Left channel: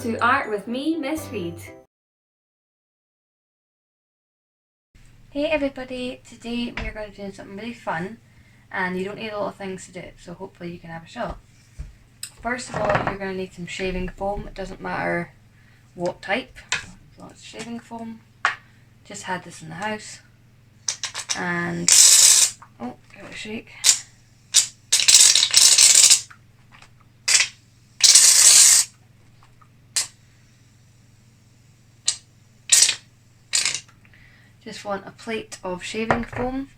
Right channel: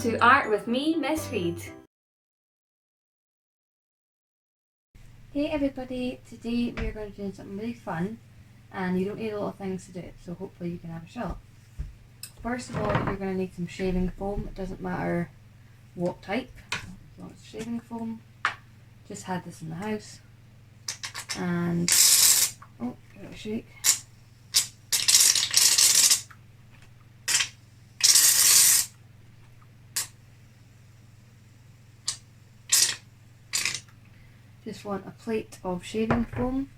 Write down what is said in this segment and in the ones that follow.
to Art with me, Miss Reed. Hey everybody, today we are going to do something really fun and you don't need a lot of things to do it, so hopefully you can have a shot. First of all, you're going to need some shaving foam. It doesn't matter what type, as long as it's shaving foam. Just had this in the house and, oh, give it a shake. Just want a plate of shaving foam.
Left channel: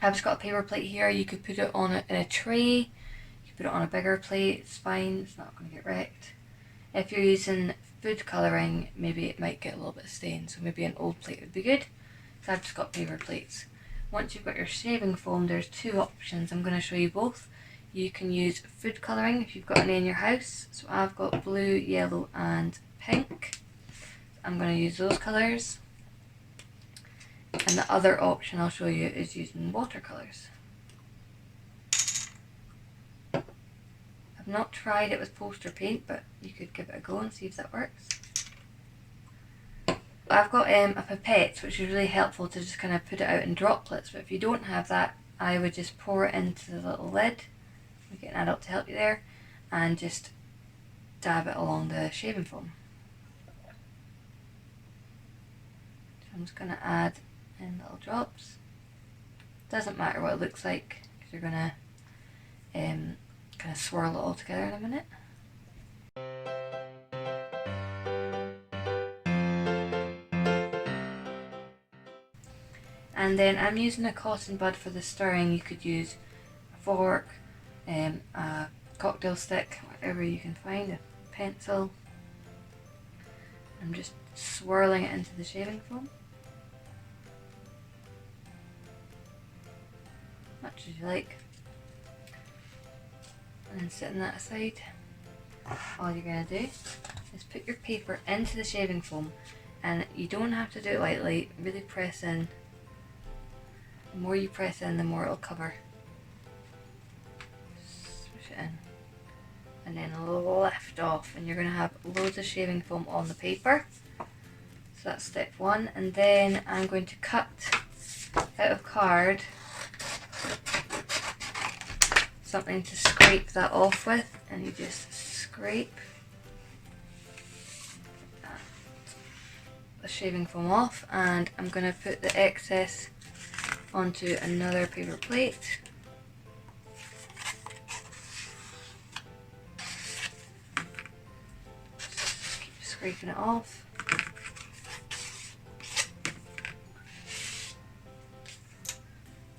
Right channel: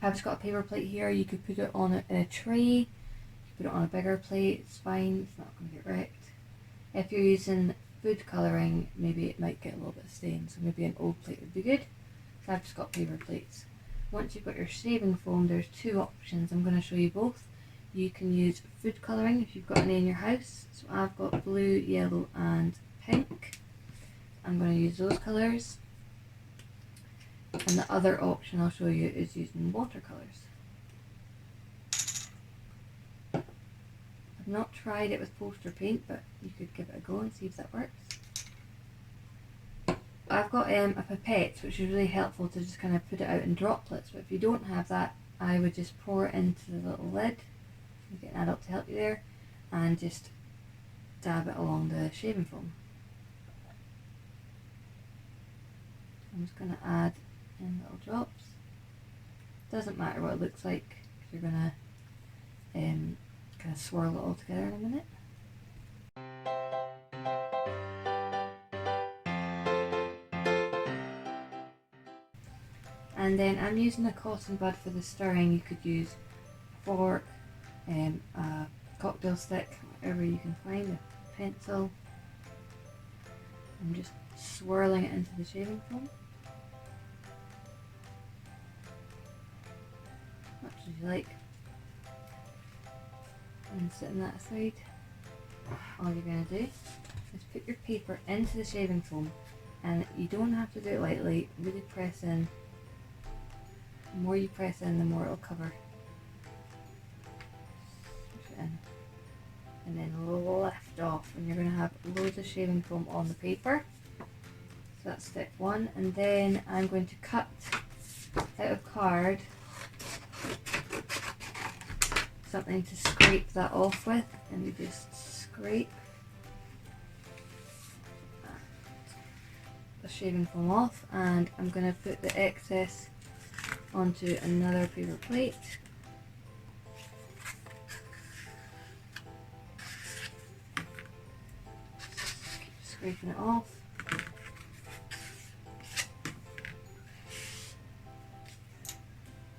I've just got a paper plate here. You could put it on in a tray, you could put it on a bigger plate, it's fine, it's not going to get wrecked. If you're using food colouring, maybe it might get a little bit stained, so maybe an old plate would be good. So I've just got paper plates. Once you've got your shaving foam, there's two options. I'm going to show you both. You can use food colouring if you've got any in your house. So I've got blue, yellow and pink. I'm going to use those colours. And the other option I'll show you is using watercolours. I've not tried it with poster paint, but you could give it a go and see if that works. I've got a pipette, which is really helpful to just kind of put it out in droplets, but if you don't have that, I would just pour it into the little lid, you get an adult to help you there, and just dab it along the shaving foam. So I'm just going to add in little drops. Doesn't matter what it looks like, because you're going to kind of swirl it all together in a minute. And then I'm using a cotton bud for the stirring. You could use a fork, a cocktail stick, whatever you can find, a pencil. I'm just swirling it into the shaving foam. Much as you like. And then setting that aside, all you're going to do is put your paper into the shaving foam, and you don't have to do it lightly, really press in. The more you press in, the more it'll cover. Swish it in. And then lift off, and you're going to have loads of shaving foam on the paper. So that's step one. And then I'm going to cut out of card something to scrape that off with, and you just scrape the shaving foam off, and I'm going to put the excess onto another paper plate. Just keep scraping it off.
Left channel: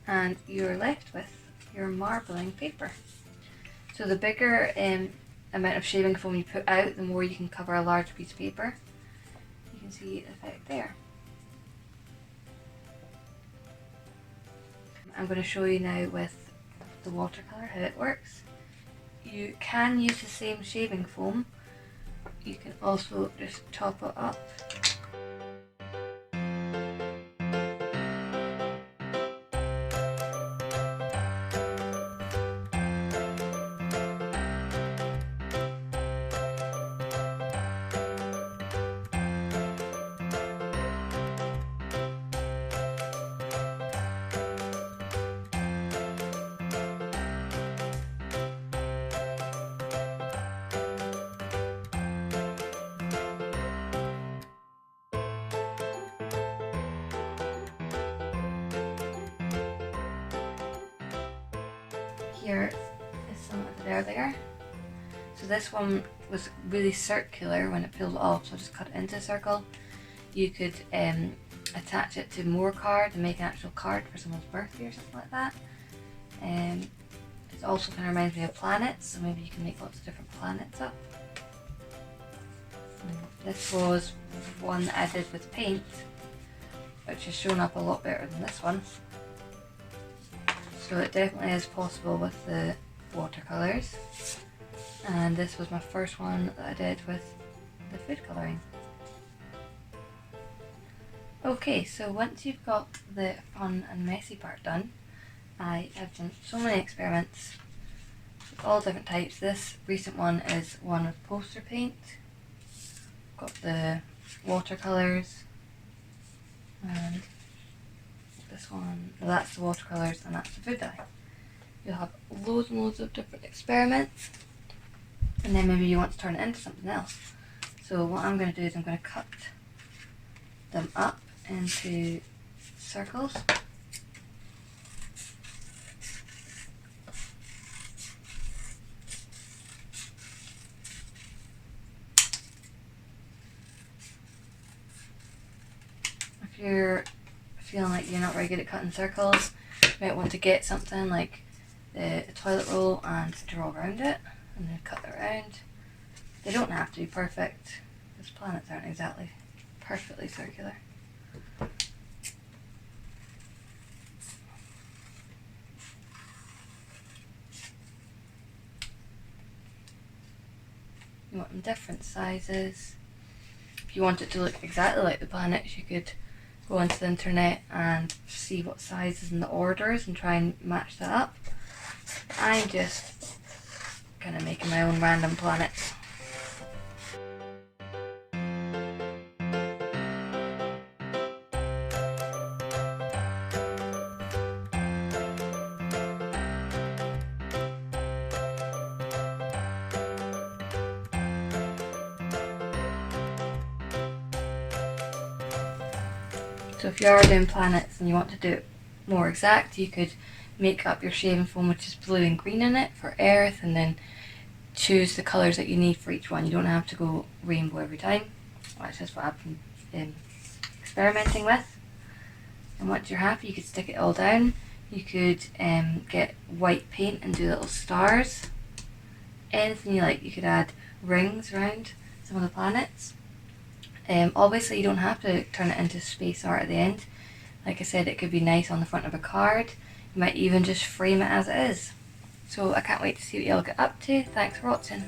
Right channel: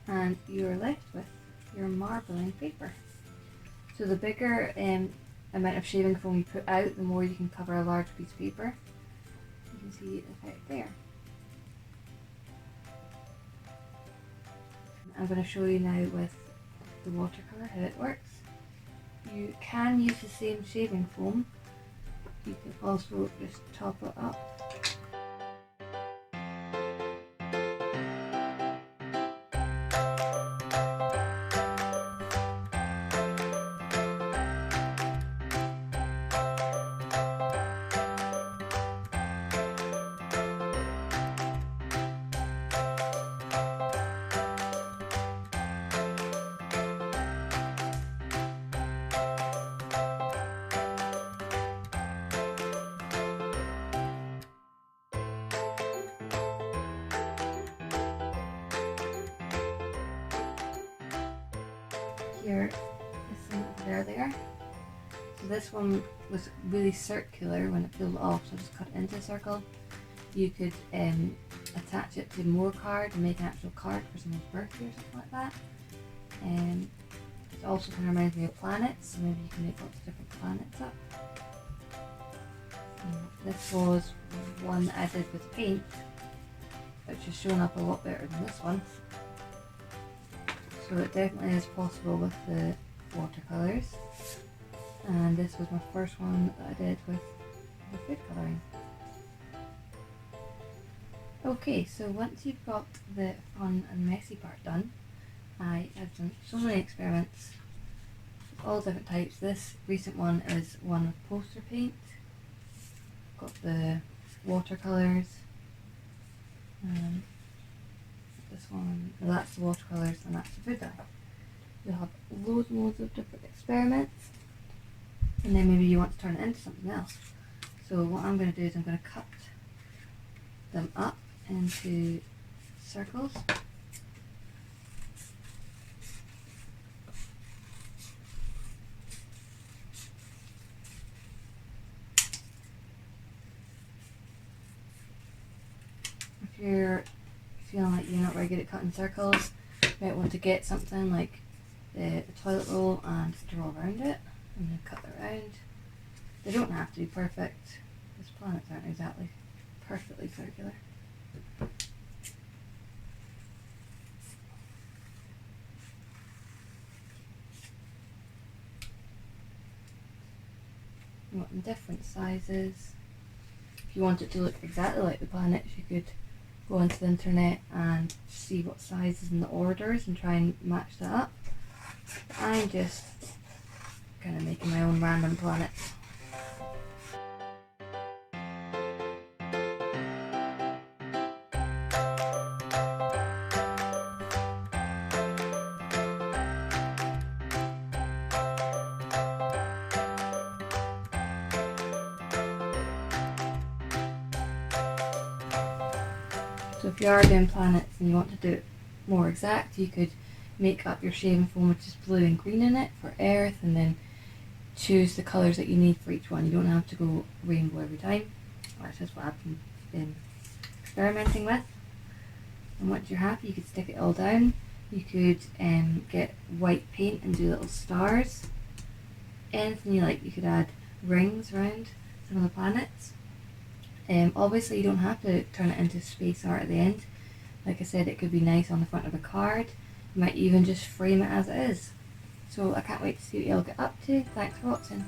And you're left with your marbling paper. So the bigger amount of shaving foam you put out, the more you can cover a large piece of paper. You can see the effect there. I'm going to show you now with the watercolour how it works. You can use the same shaving foam. You can also just top it up. Here is some there. So this one was really circular when it peeled off, so just cut it into a circle. You could attach it to more card and make an actual card for someone's birthday or something like that. It also kind of reminds me of planets, so maybe you can make lots of different planets up. This was one that I did with paint, which has shown up a lot better than this one. So it definitely is possible with the watercolours. And this was my first one that I did with the food colouring. Okay, so once you've got the fun and messy part done, I have done so many experiments with all different types. This recent one is one with poster paint. got the watercolours, and this one, well, that's the watercolours and that's the food dye. You'll have loads and loads of different experiments, and then maybe you want to turn it into something else. So what I'm going to do is I'm going to cut them up into circles. If you're feeling like you're not very good at cutting circles, you might want to get something like the toilet roll and draw around it and then cut it around. They don't have to be perfect, because planets aren't exactly perfectly circular. You want them different sizes. If you want it to look exactly like the planets, you could go onto the internet and see what sizes and the orders and try and match that up. I'm just kind of making my own random planets. So if you are doing planets and you want to do it more exact, you could make up your shaving foam which is blue and green in it for Earth, and then choose the colours that you need for each one. You don't have to go rainbow every time. That's just what I've been experimenting with. And once you're happy, you could stick it all down. You could get white paint and do little stars. Anything you like. You could add rings around some of the planets. Obviously you don't have to turn it into space art at the end. Like I said, it could be nice on the front of a card. You might even just frame it as it is. So I can't wait to see what you all get up to. Thanks for watching.